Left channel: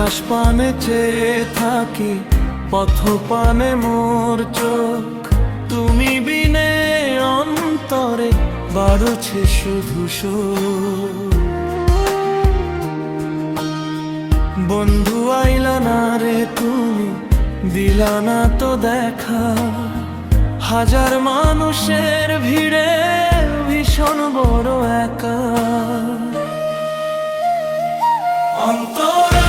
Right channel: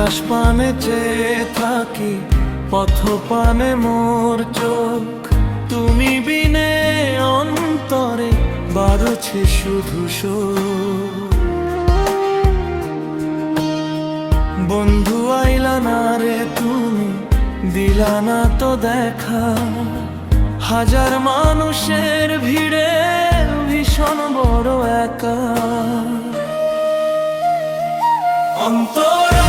আকাশ পানে চেয়ে থাকি, পথ পানে মোর চোখ, তুমি বিনে অন্তরে বাড়ছে শুধু শোক। বন্ধু আইলা না রে তুমি, দিলা না তো দেখা, হাজার মানুষের ভিড়ে ভীষণ বড় একা। অন্তরা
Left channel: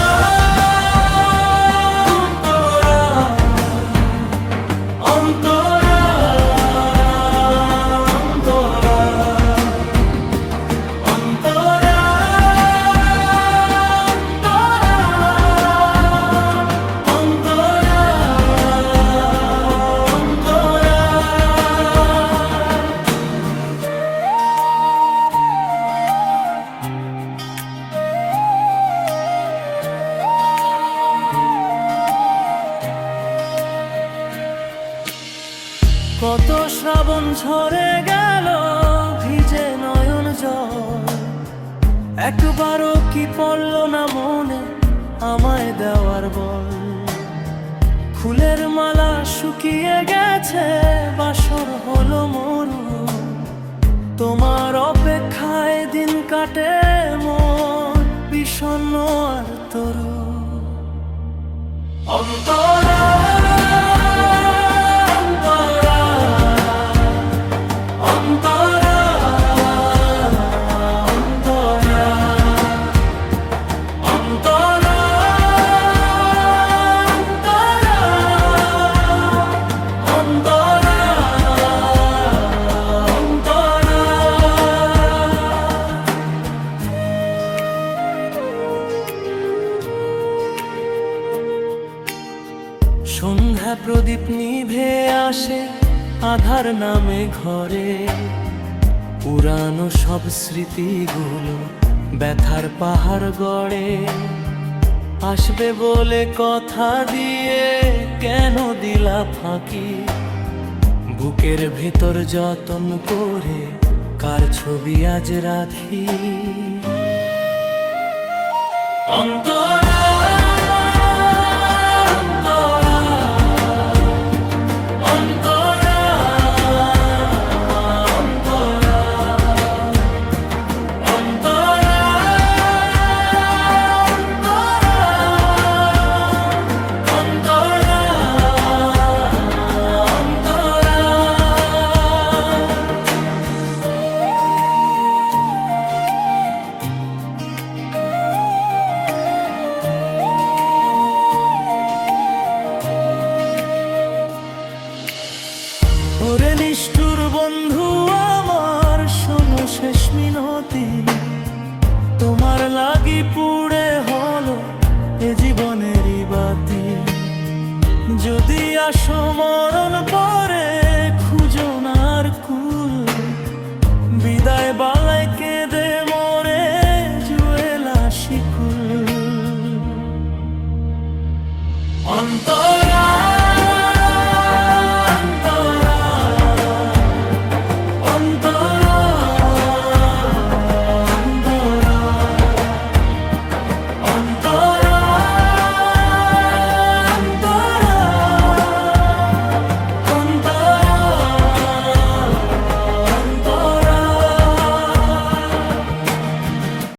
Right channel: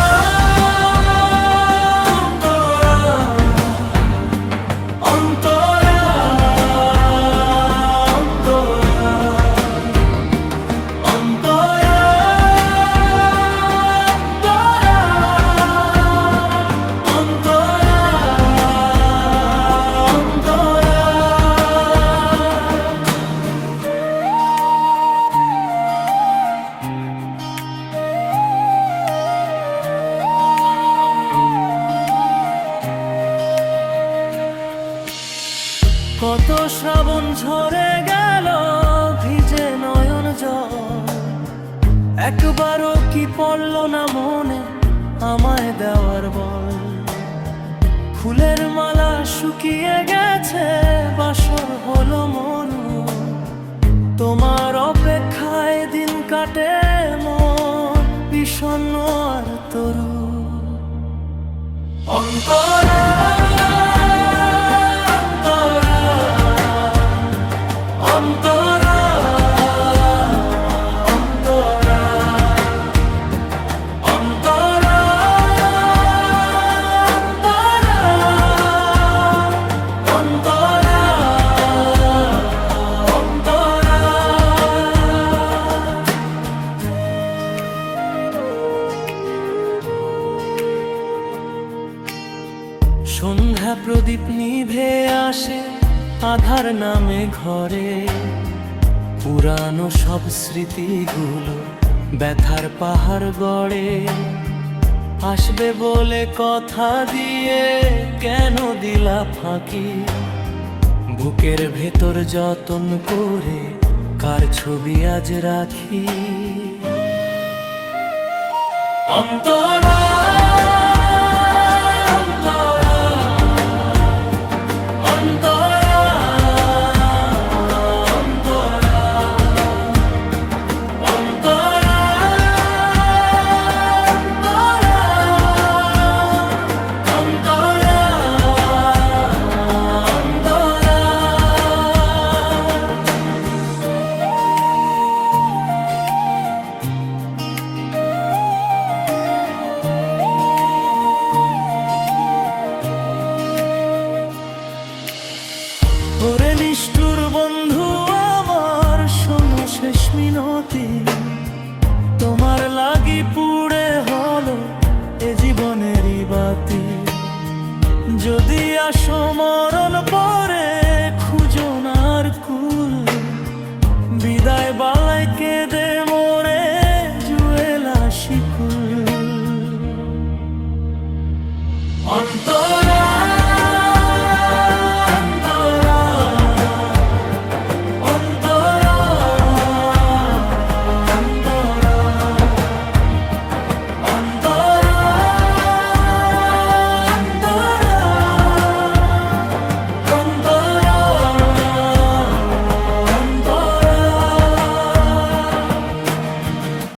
কত শ্রাবণ ঝরে গেল ভিজে নয়ন জল, একবারও কি পড়ল না মনে আমায় দেওয়ার বল। ফুলের মালা শুকিয়ে গেছে, বাসর হলো মরু, তোমার অপেক্ষায় দিন কাটে মোর বিষণ্ণ আর তরু। অন্তরা সন্ধ্যা প্রদীপ নিভে আসে আধার নামে ঘরে, পুরানো সব স্মৃতিগুলো ব্যথার পাহাড় গড়ে। আসবে বলে কথা দিয়ে কেন দিলা ফাঁকি, বুকের ভেতর যতন করে কার ছবি আজ রাখি। অন্তরা ওরে নিষ্ঠুর বন্ধু আমার, শোনো শেষ মিনতি, তোমার লাগি পুড়ে হলো এ জীবনেরই বাতি। যদি আসো মরণ পরে খুঁজো না আর কুল, বিদায় বালায় কেঁদে